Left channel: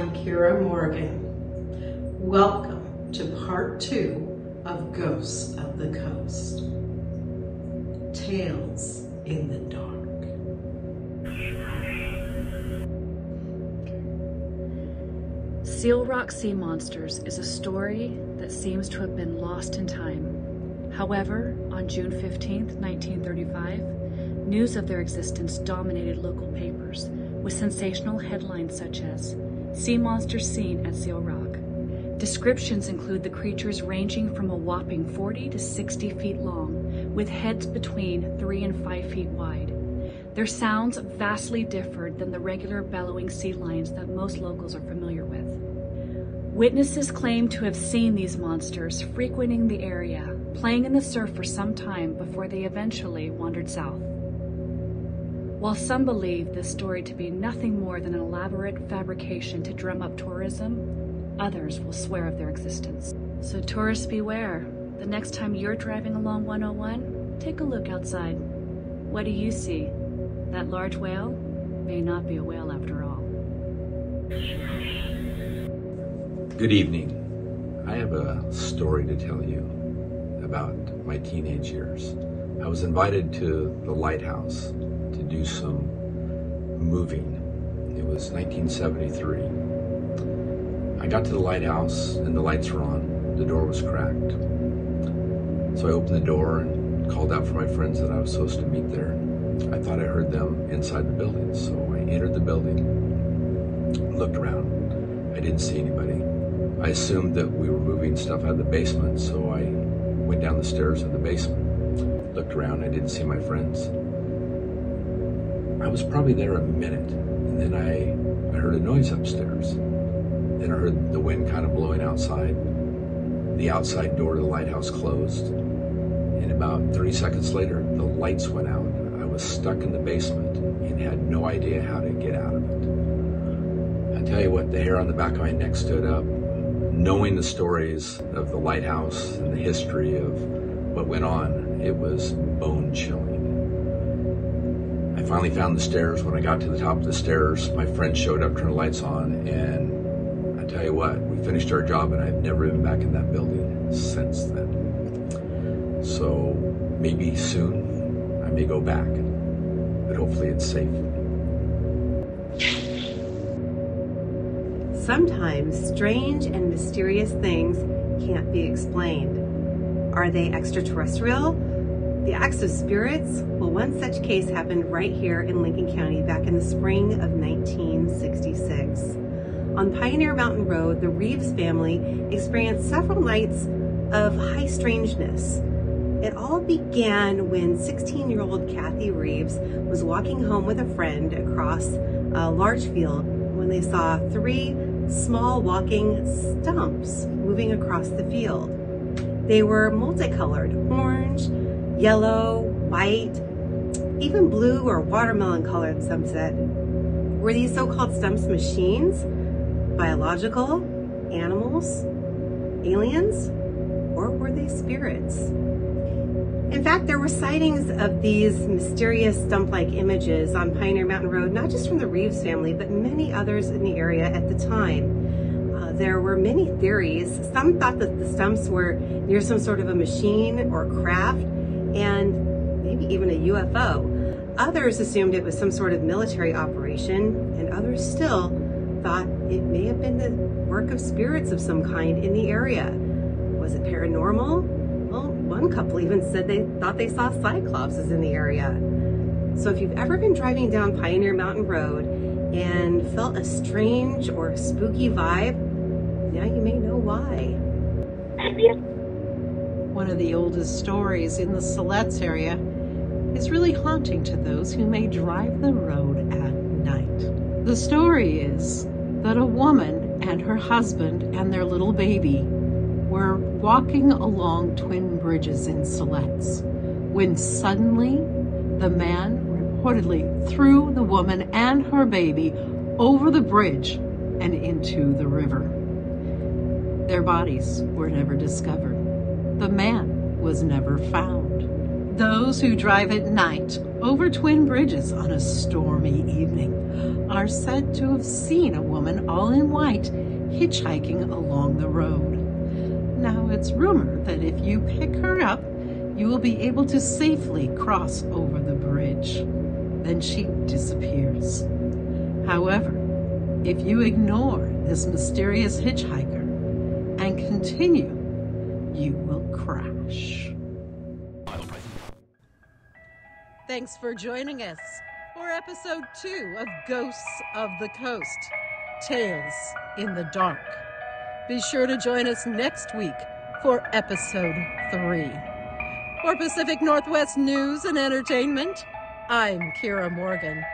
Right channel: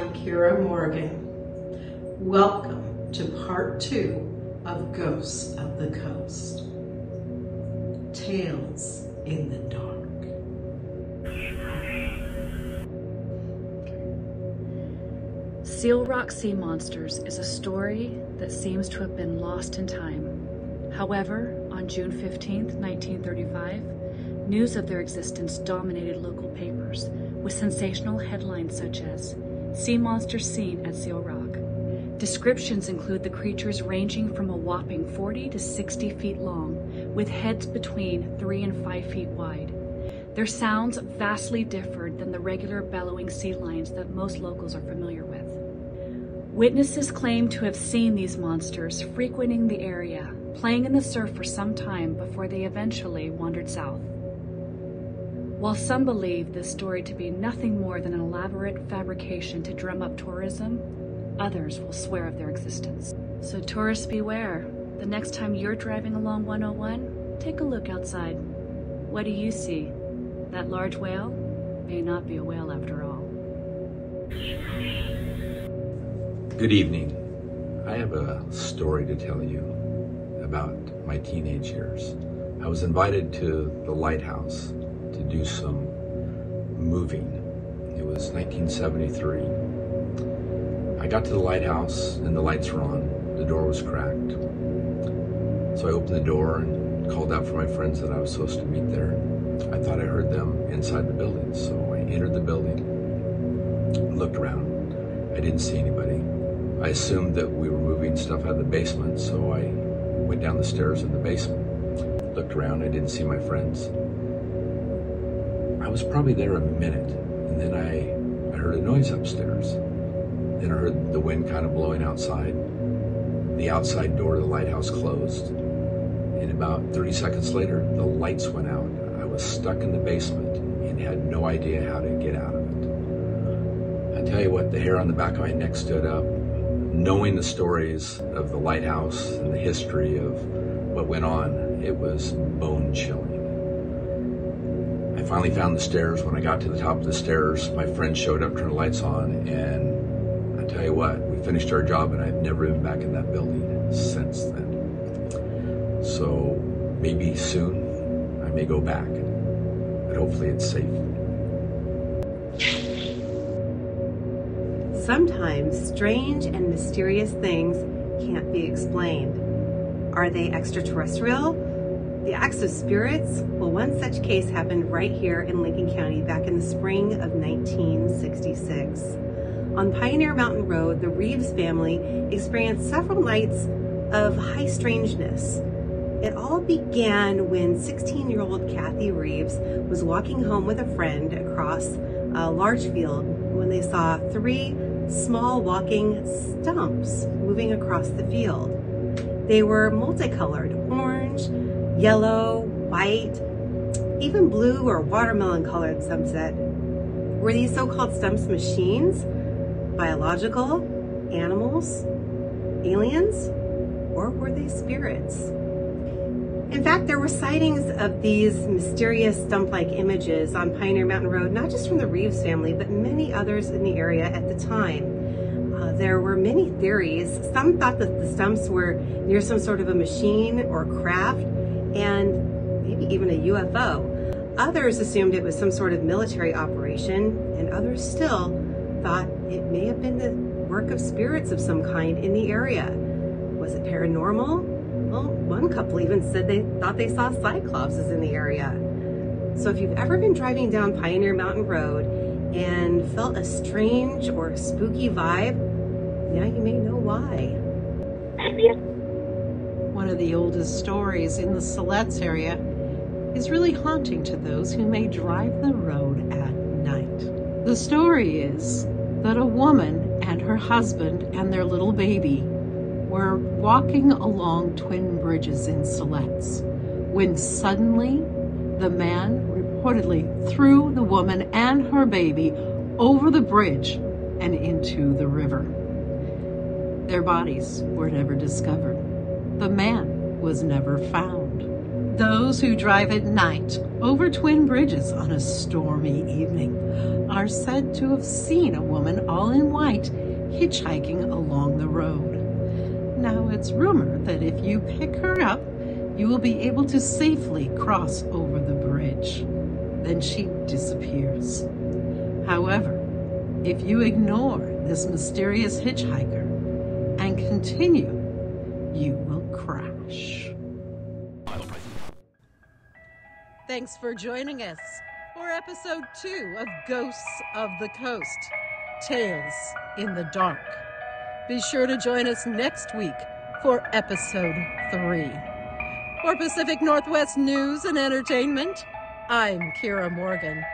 I'm Kira Morgan. Welcome to part 2 of Ghosts of the Coast. Tales in the Dark. Seal Rock Sea Monsters is a story that seems to have been lost in time. However, on June 15th, 1935, news of their existence dominated local papers with sensational headlines such as "Sea Monsters Seen at Seal Rock." Descriptions include the creatures ranging from a whopping 40 to 60 feet long, with heads between 3 and 5 feet wide. Their sounds vastly differed than the regular bellowing sea lions that most locals are familiar with. Witnesses claim to have seen these monsters frequenting the area, playing in the surf for some time before they eventually wandered south. While some believe this story to be nothing more than an elaborate fabrication to drum up tourism, others will swear of their existence. So tourists beware. The next time you're driving along 101, take a look outside. What do you see? That large whale may not be a whale after all. Good evening. I have a story to tell you about my teenage years. I was invited to the lighthouse to do some moving. It was 1973. I got to the lighthouse and the lights were on. The door was cracked. So I opened the door and called out for my friends that I was supposed to meet there. I thought I heard them inside the building, so I entered the building, looked around. I didn't see anybody. I assumed that we were moving stuff out of the basement, so I went down the stairs in the basement. Looked around, I didn't see my friends. I was probably there a minute, and then I heard a noise upstairs. Then I heard the wind kind of blowing outside. The outside door to the lighthouse closed. And about 30 seconds later, the lights went out. I was stuck in the basement and had no idea how to get out of it. I tell you what, the hair on the back of my neck stood up. Knowing the stories of the lighthouse and the history of what went on, it was bone-chilling. I finally found the stairs. When I got to the top of the stairs, my friend showed up, turned the lights on, and I tell you what, we finished our job and I've never been back in that building since then. So maybe soon I may go back, but hopefully it's safe. Sometimes strange and mysterious things can't be explained. Are they extraterrestrial? The acts of spirits? Well, one such case happened right here in Lincoln County back in the spring of 1966. On Pioneer Mountain Road, the Reeves family experienced several nights of high strangeness. It all began when 16-year-old Kathy Reeves was walking home with a friend across a large field when they saw 3 small walking stumps moving across the field. They were multicolored: orange, yellow, white, even blue or watermelon colored, some said. Were these so-called stumps machines, biological, animals, aliens, or were they spirits? In fact, there were sightings of these mysterious stump-like images on Pioneer Mountain Road, not just from the Reeves family, but many others in the area at the time. There were many theories. Some thought that the stumps were near some sort of a machine or craft, and maybe even a UFO. Others assumed it was some sort of military operation, and others still thought it may have been the work of spirits of some kind in the area. Was it paranormal? Well, one couple even said they thought they saw cyclopses in the area. So if you've ever been driving down Pioneer Mountain Road and felt a strange or spooky vibe, now you may know why. One of the oldest stories in the Siletz area is really haunting to those who may drive the road at night. The story is that a woman and her husband and their little baby were walking along Twin Bridges in Siletz when suddenly the man reportedly threw the woman and her baby over the bridge and into the river. Their bodies were never discovered. The man was never found. Those who drive at night over Twin Bridges on a stormy evening are said to have seen a woman all in white hitchhiking along the road. Now, it's rumored that if you pick her up, you will be able to safely cross over the bridge. Then she disappears. However, if you ignore this mysterious hitchhiker and continue, you will crash. Thanks for joining us for episode 2 of Ghosts of the Coast, Tales in the Dark. Be sure to join us next week for episode 3. For Pacific Northwest News and Entertainment, I'm Kira Morgan.